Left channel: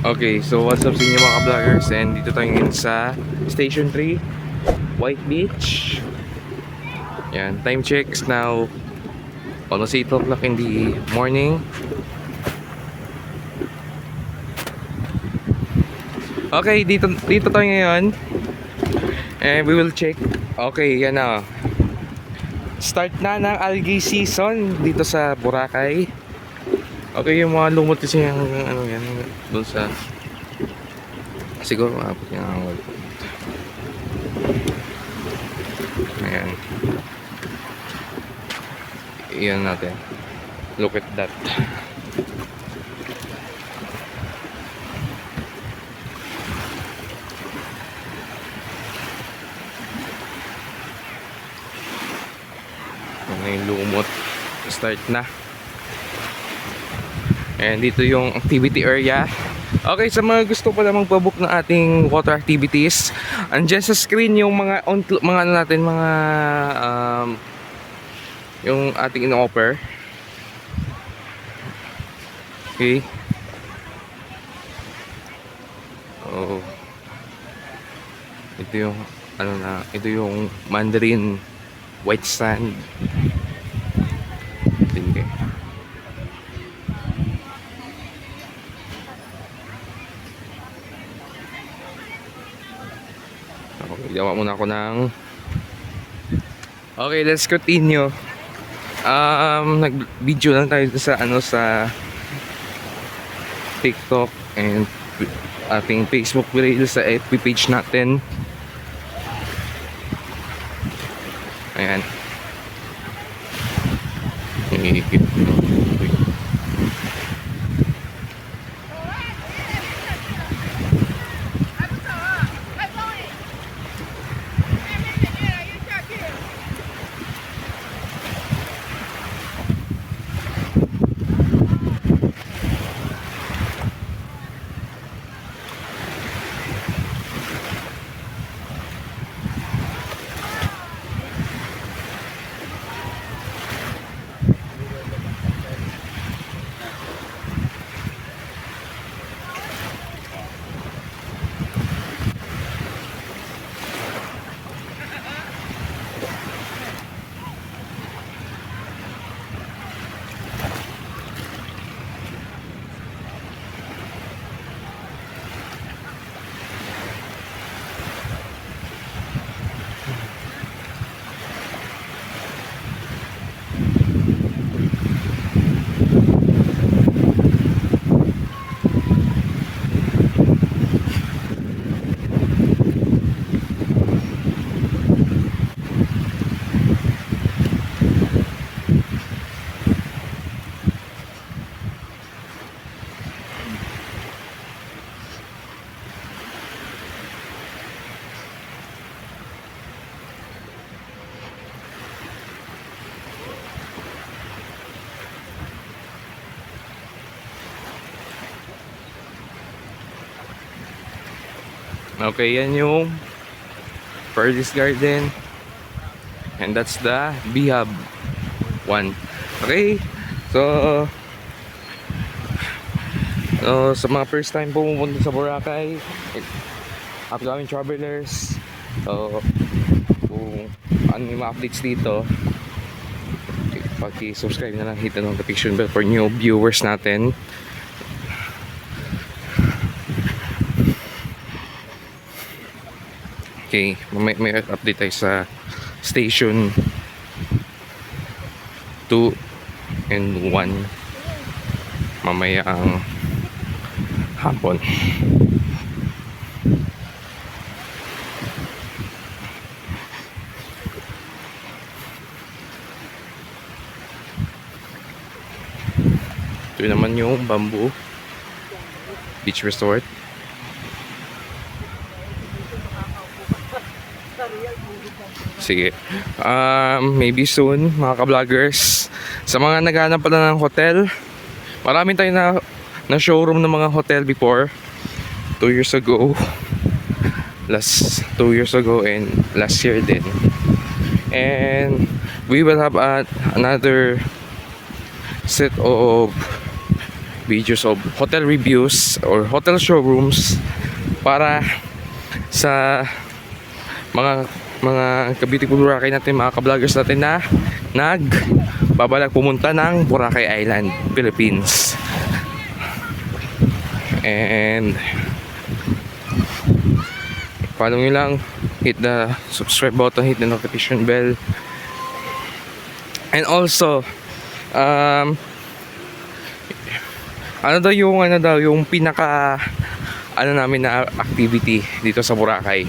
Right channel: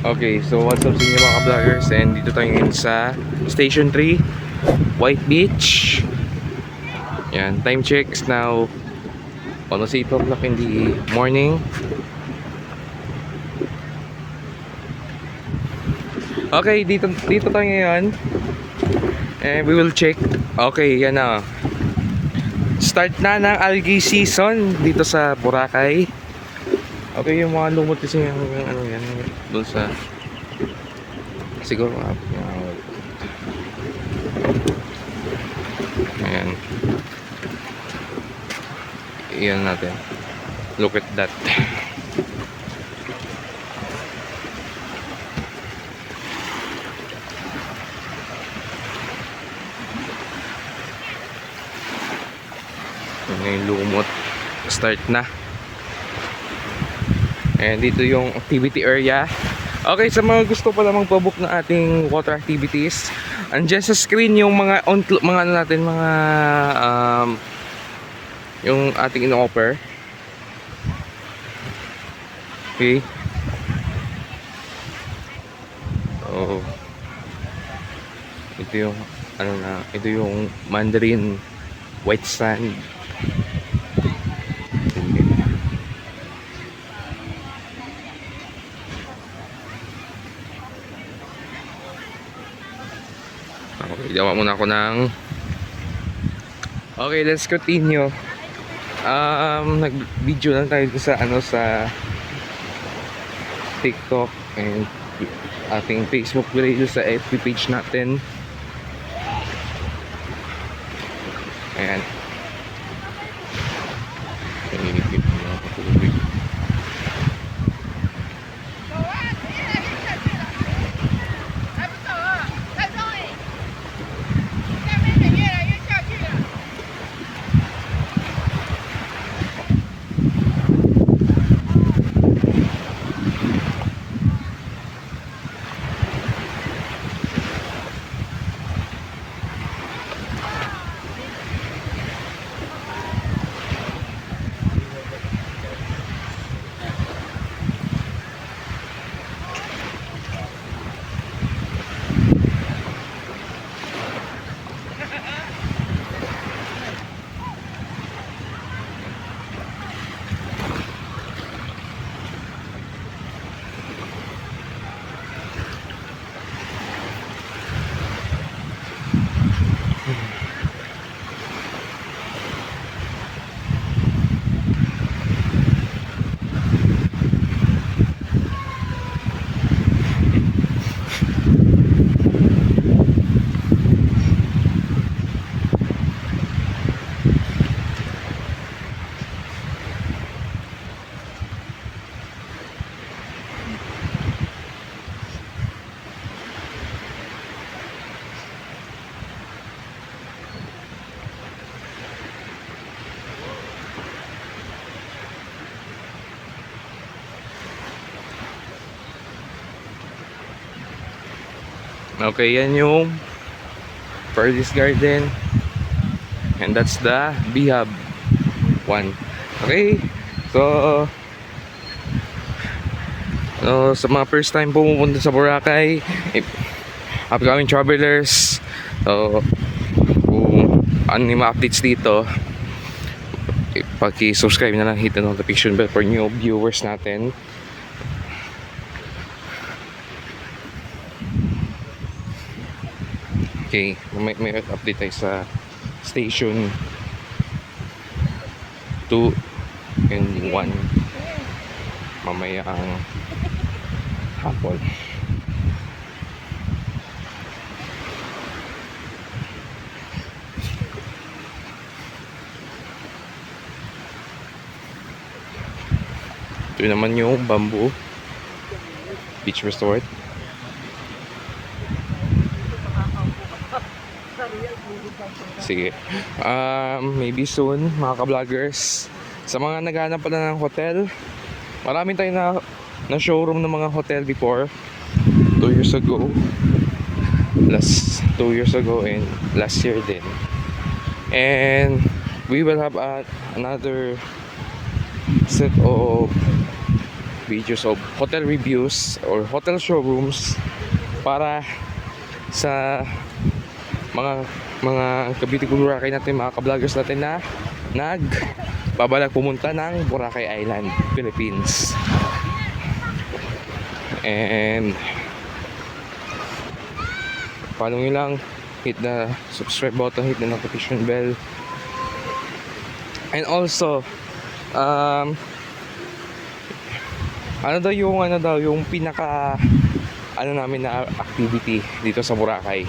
Okay, so what's up sa inyo mga vloggers, and dito tayo ngayon sa Station 3, White Beach. Yan, time checks now almost 8 o'clock in the morning. Okay, dito tayo ngayon, and we will check. Okay, yan na. Start na ng algae season dito sa Boracay. Okay, yung mga lumot kasi yung ano yan doon sa siguro maabot niya. Ayan. Iyan natin. Look at that. Ayan na yung lumot. Start na. And dito yung activity area. Okay, sa mga gusto pala magpabook ng ating water activities, andyan sa screen yung mga ano natin, mga yung ating in-offer. Okay. Oh. Ito yung ano na, ito yung Mandarin white sand. Okay, gawa muna ako ng okay, let's continue. Nag-video lang tayo sa ano, sa TikTok and ating Facebook page, sa FB page natin. Ayan. Okay, yan yung Paradise Garden. And that's the B-Hub 1. Okay, so sa mga first time pumunta sa Boracay, upcoming travelers, so kung ano yung mga updates dito, paki-subscribe na lang, hit the notification bell for new viewers natin. Okay, may update tayo sa station 2 and 1 mamaya ang hapon. Ito naman yung Bamboo Beach Resort. Sige. Maybe soon mga ka-vloggers. Sa mga naghahanap pala ng hotel, marami tayo na showroom ng mga hotel before. 2 years ago. Last 2 years ago and last year din. And we will have another set of videos of hotel reviews or hotel showrooms para sa mga ka-beautiful Boracay natin, mga ka-vloggers natin na nagbabalak pumunta ng Boracay Island, Philippines. And follow nyo lang, hit the subscribe button, hit the notification bell. And also yung pinaka namin na activity dito sa Boracay.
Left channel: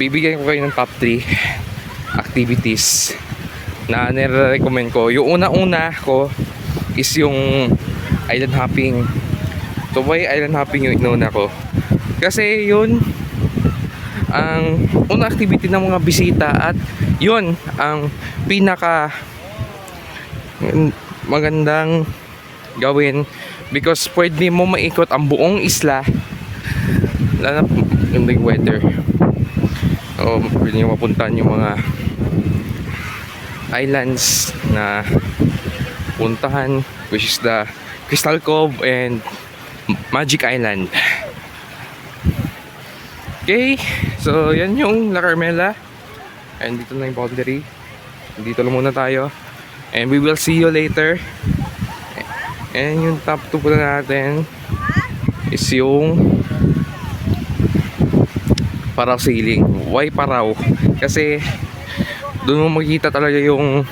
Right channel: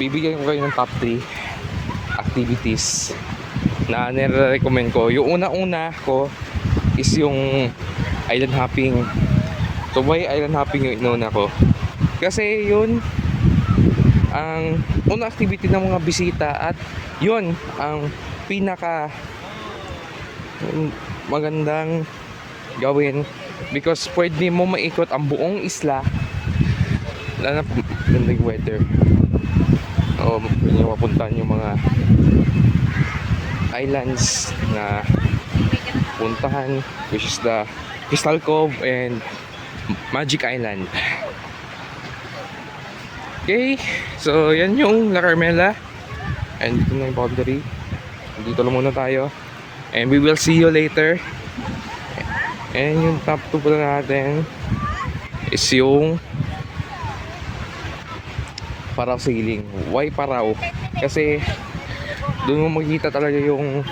Bibigyan ko kayo ng top 3 activities na nire-recommend ko. Yung una ko is yung island hopping. So why island hopping yung inuna ko? Kasi yun ang unang activity ng mga bisita at yun ang pinaka magandang gawin because pwede mo maikot ang buong isla, lalo na gandang weather. O pwede nyo mapuntahan yung mga islands na puntahan, which is the Crystal Cove and Magic Island. Okay, so yan yung La Carmela. And dito na yung boundary. Dito lang muna tayo. And we will see you later. And yung top 2 pala natin is yung Parao Sailing. Why Parao? Kasi doon mo makikita talaga yung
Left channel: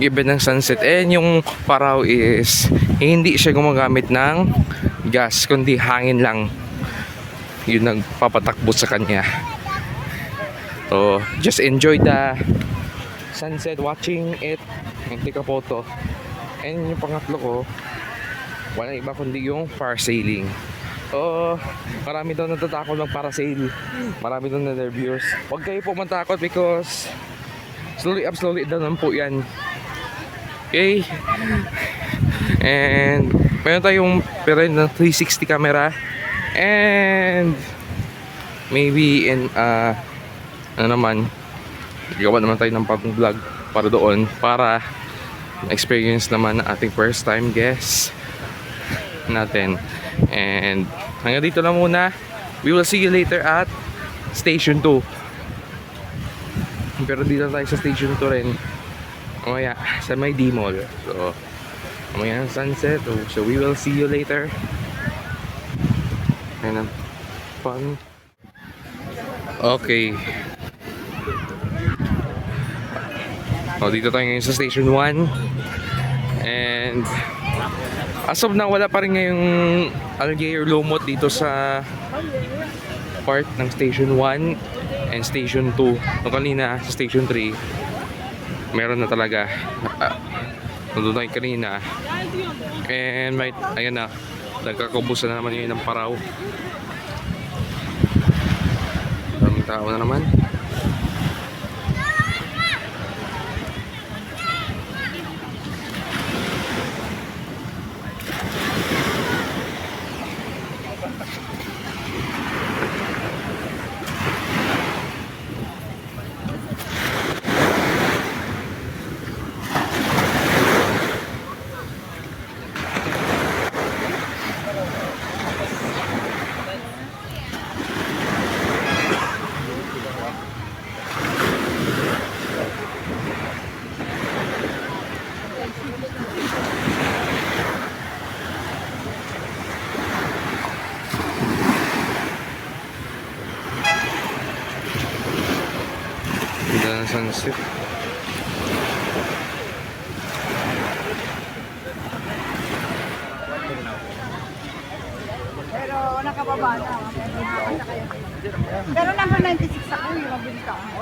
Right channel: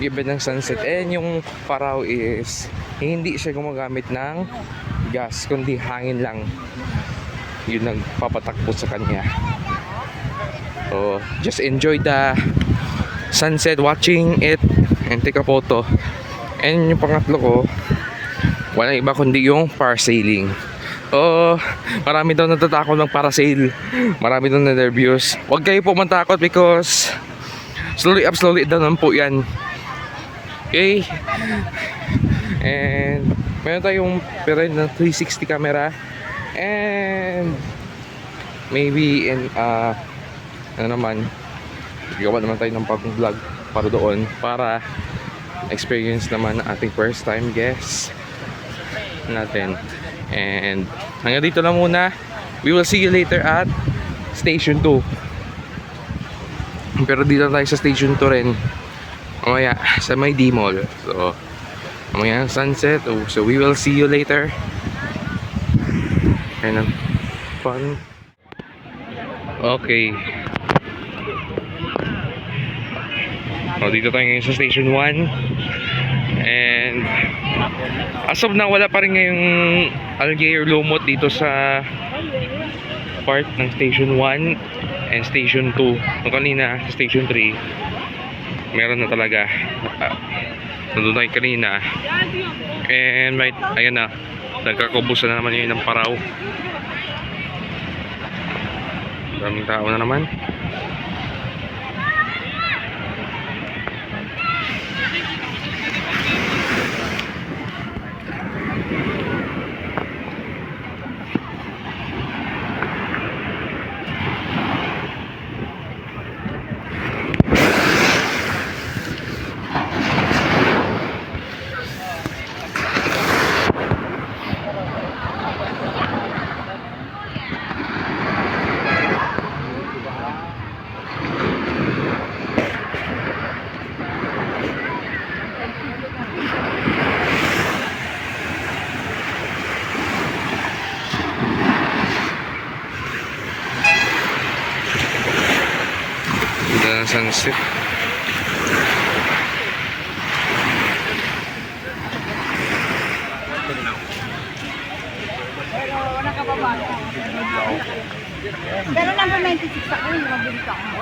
given ng sunset. And yung Parao is hindi siya gumagamit ng gas, kundi hangin lang yun nagpapatakbo sa kanya. So just enjoy the sunset, watching it and take a photo. And yung pangatlo ko, walang iba kundi yung parasailing. Marami daw natatakot ng parasail, marami daw na nervous. Huwag kayo po matakot because slowly up, slowly down po yan. Okay, and meron tayong pero ng 360 camera. And maybe gawa naman tayo ng patong vlog para doon, para experience naman na ating first time guests natin. And hanggang dito lang muna. We will see you later at Station 2. Pero dito tayo sa Station 2 rin mamaya sa may D-Mall. So mamaya sunset. So we will see you later. And fun. Okay. Dito tayo ngayon sa Station 1. And as of now, wala pa rin ngayong algae or lumot dito sa part ng Station 1 and Station 2. Nung kanina sa Station 3, meron na talaga. Nandun tayo kanina. And ayan na, nagkakabusan na naman yun ng Parao. Maraming tao na naman. Sunset. Pero nakababa na. Pero number 96 ako, mabilis ako.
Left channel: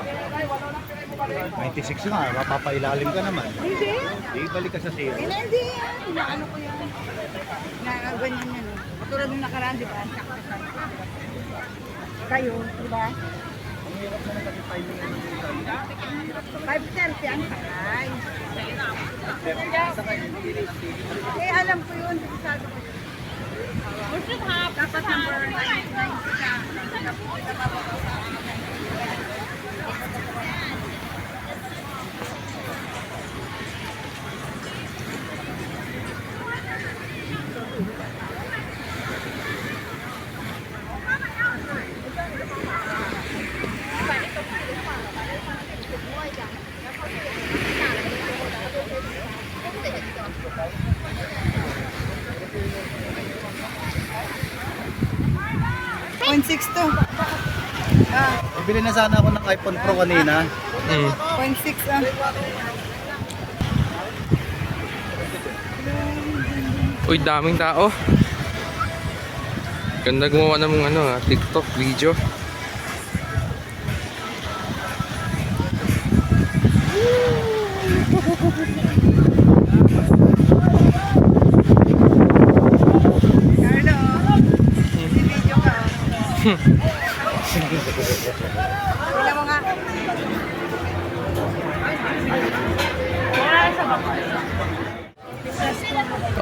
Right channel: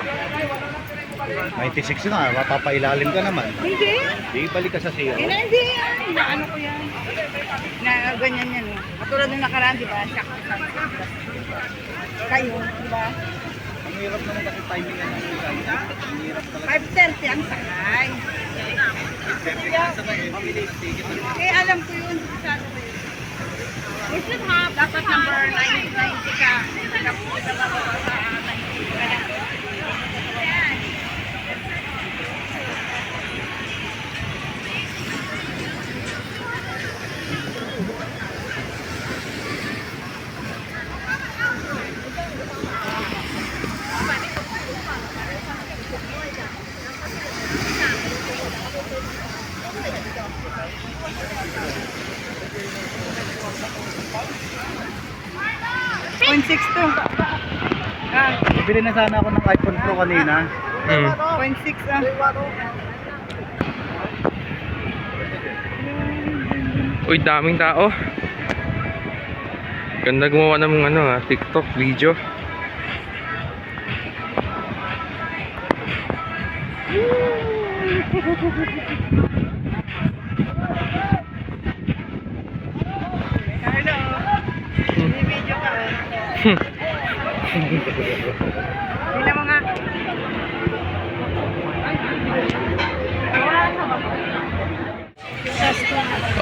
96 na, mapapailalim ka naman. Hindi. Ibalik ka sa zero. Hindi yan. Inaano ko yan. Na ganyan yan eh. Katulad nung nakaraan, di ba? Kayo, di ba? Ang hirap naman kasi timing na ng tayo. 5:30 ang sakay. Eh, alam ko yun. We should have dapat number 90 ka. 0.6 to. Ah, Bili na sana ako ng iPhone Pro kanina. 0.6 ah. Uy, daming tao. Ganda gumawa ng mga TikTok video. Wala mga...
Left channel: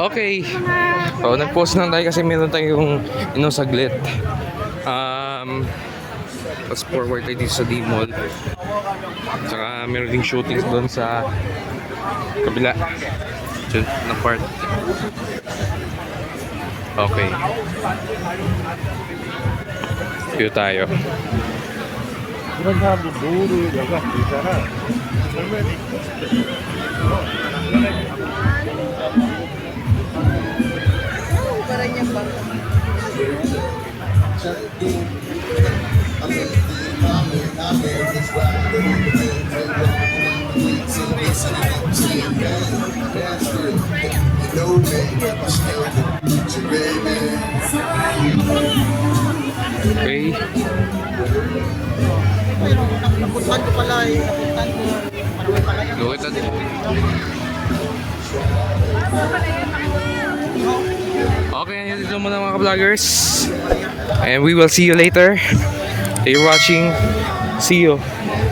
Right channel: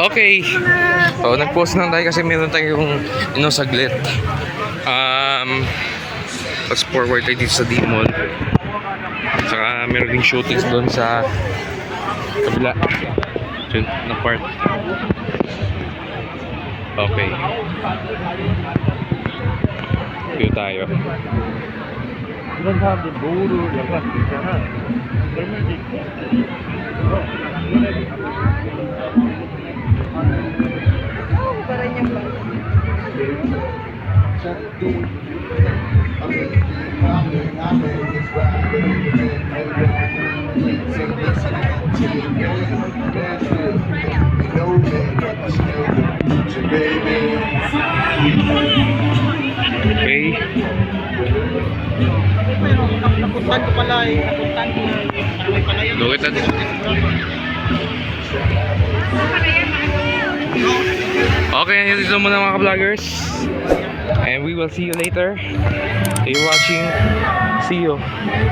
Okay. So, nag-post lang tayo kasi meron tayong saglit. Let's forward tayo dito sa D-Mall. Saka meron ding shootings doon sa kabila. Diyan na part. Okay. Dito tayo. Parang yung bang... Okay. Look at that. Okay, dito muna mga ka-vloggers. And we will see you later. You're watching. See you,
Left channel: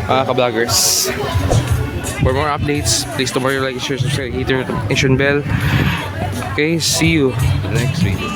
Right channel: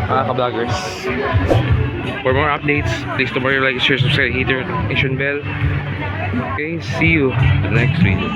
mga ka-vloggers. For more updates, please don't forget to like, share, subscribe, hit the notification bell. Okay, see you in the next video.